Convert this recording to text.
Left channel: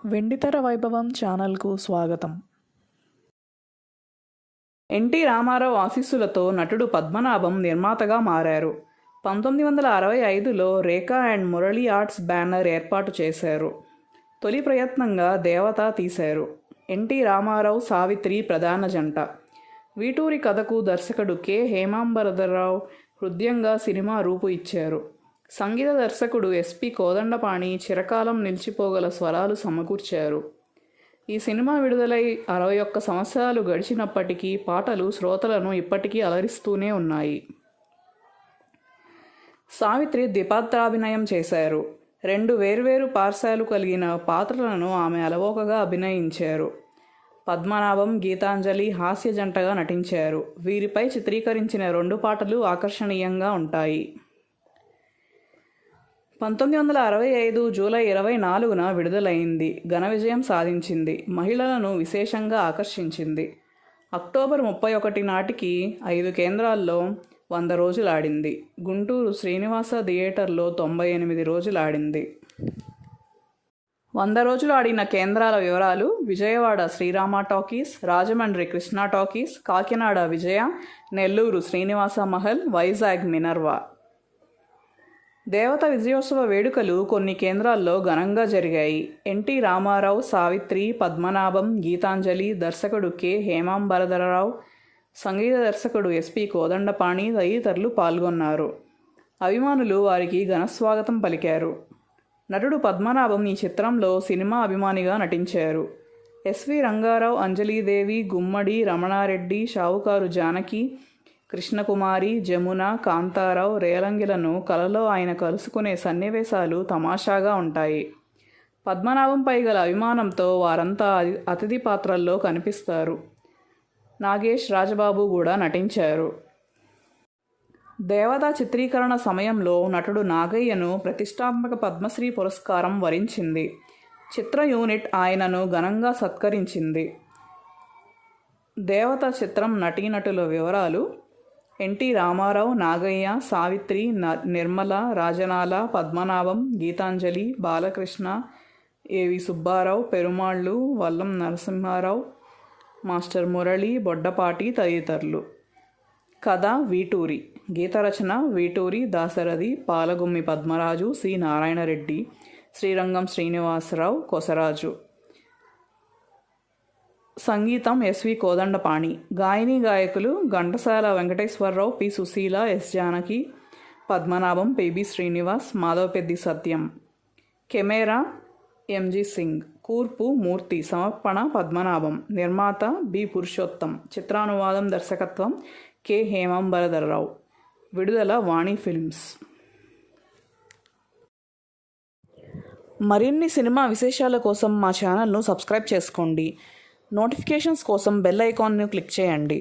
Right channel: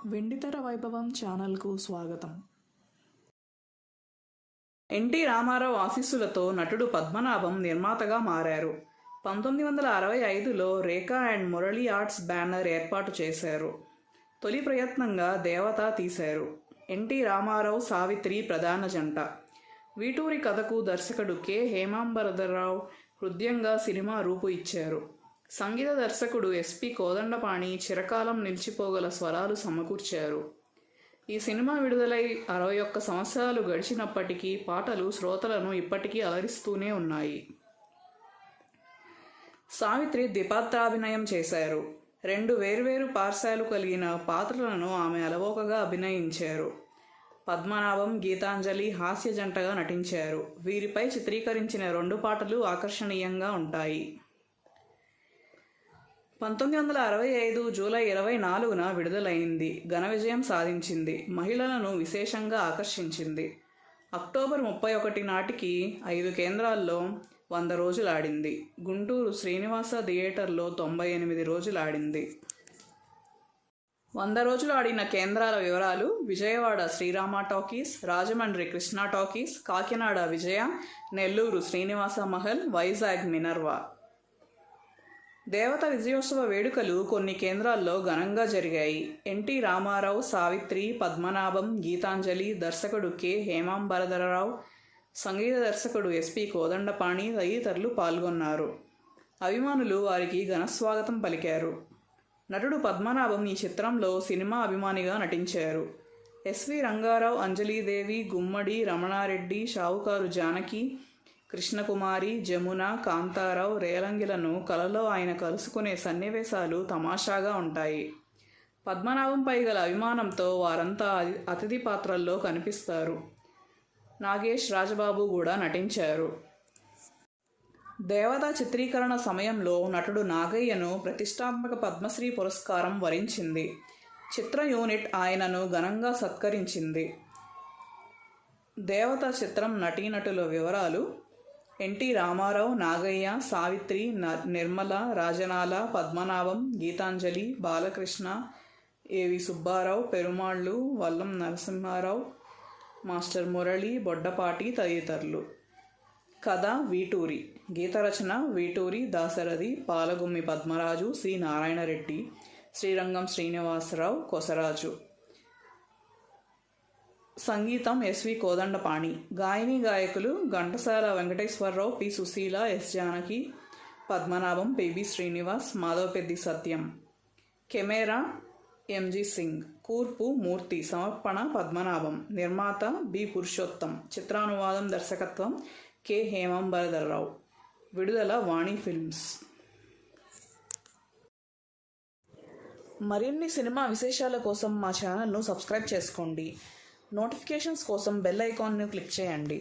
వెండితెర వైభవం ఛానల్కు స్వాగతం. ఎన్టీ రామారావు ఆశీస్సులతో నటుడు పద్మనాభం నిర్మాతగా మారారు. 1965లో రేఖా అండ్ మురళీ ఆర్ట్స్ బ్యానర్ ఏర్పాటు చేశారు. తొలి ప్రయత్నంగా దేవత తీశారు. ఎన్టీ రామారావు, సావిత్రి ప్రధాన జంట. వీటూరి కథకు దర్శకుడు కె. హేమాంబరధరరావు హృదయంగా సినిమా రూపు ఇచ్చారు. సంగీత దర్శకుడు ఎస్పి కోదండపాణి చిరకాలం నిలిచిపోగల స్వరాలు సమకూర్చారు. ఈ సినిమా విడుదలై 61 సంవత్సరాలు గడిచినప్పటికీ పాటలు శ్రోతలను ఇప్పటికీ అలరిస్తూనే ఉన్నాయి. సావిత్రి ద్విపాత్రాభినయం చేశారు. 2 వేర్వేరు పార్శ్వాలు కలిగిన పాత్రలను ఆమె అలవోకగా అభినయించారు. పద్మనాభం, గీతాంజలి హాస్య జంటగా నటించారు. వీరిపై చిత్రీకరించిన 2 పాటలు ఆకర్షణీయంగా ఉంటాయి. 1965 జూలై 24న విడుదలైంది. ఘన విజయం సాధించింది. మహిళలను విశేషంగా ఆకర్షించింది. అక్టోబర్ 31 నాటికి 5 కేంద్రాల్లో 100 రోజులు ఆడింది. గుంటూరు శ్రీనివాస థియేటర్లో 98 రోజులు ఆడింది. 100 రోజులు ఆడిన కేంద్రాల వివరాలు: విజయవాడ శ్రీరామ టాకీస్, రాజమండ్రి కృష్ణా టాకీస్, కాకినాడ విజయ, నెల్లూరు శ్రీనివాస మహల్, వైజాగ్ మినర్వా. దేవత విజయోత్సవ వేడుకలు కొన్ని కేంద్రాల్లో ఘనంగా జరిగాయి. ఎన్టీ రామారావు, సావిత్రి, పద్మనాభం, గీతాంజలి, దర్శకుడు కె. హేమాంబరధరరావు, సంగీత దర్శకుడు ఎస్పి కోదండపాణి తదితరులు పాల్గొన్నారు. అభిమానులు వారికి ఘనస్వాగతం పలికారు. నటుడు పద్మనాభం ఈ చిత్రంలో సినిమా అభిమానిగా నటించారు. ఎస్వి రంగారావు, అంజలీదేవి, గుమ్మడి రమణారెడ్డి, షావుకారు జానకి, కృష్ణకుమారి, జమున, కాంతారావు, రేలంగిలను కలలో ఆయన కలుసుకునే సన్నివేశాలు తమాషాగా ఉంటాయి. పద్మనాభంపై గల అభిమానంతో వారంతా అతిథి పాత్రల్లో కనిపిస్తారు. నాగేష్, రాజబాబు కూడా నటించారు. దేవత చిత్రీకరణ సమయంలో నటుడు నాగయ్యను ప్రతిష్టాత్మక పద్మశ్రీ పురస్కారం వరించింది. చిత్ర యూనిట్ ఆయనను ఘనంగా సత్కరించింది. దేవత చిత్రం నటీనటుల వివరాలు: ఎన్టీ రామారావు, నాగయ్య, సావిత్రి, నిర్మల, రాజనాల, పద్మనాభం, గీతాంజలి, బాలకృష్ణ, ఏవి సుబ్బారావు, పెరుమాళ్ళు, వల్లం నరసింహారావు, మాస్టర్ మురళి, బొడ్డపాటి తదితరులు. కథ: వీటూరి. గీత రచన: వీటూరి, దాశరథి, పాలగుమ్మి పద్మరాజు, సి. నారాయణరెడ్డి, శ్రీరంగం శ్రీనివాసరావు, కొసరాజు. సంగీతం: ఎస్వి కోదండపాణి. గాయని గాయకులు: ఘంటసాల వెంకటేశ్వరరావు, పి. సుశీల, ఎస్. జానకి, పద్మనాభం, పిబి శ్రీనివాస్, మాధవపెద్ది సత్యం. కెమెరా: ఎంజి సింగ్. కూర్పు: మూర్తి. సమర్పణ: పద్మనాభం. నిర్మాత: బి. పురుషోత్తం. చిత్రానువాదం, దర్శకత్వం: కె. హేమాంబరధరరావు. విడుదల: వాణి ఫిల్మ్స్. మరిన్ని సినిమా విశేషాల కోసం మా ఛానల్ను సబ్స్క్రైబ్ చేసుకోండి. నోటిఫికేషన్స్ కోసం బెల్ ఐకాన్ను క్లిక్ చేయండి.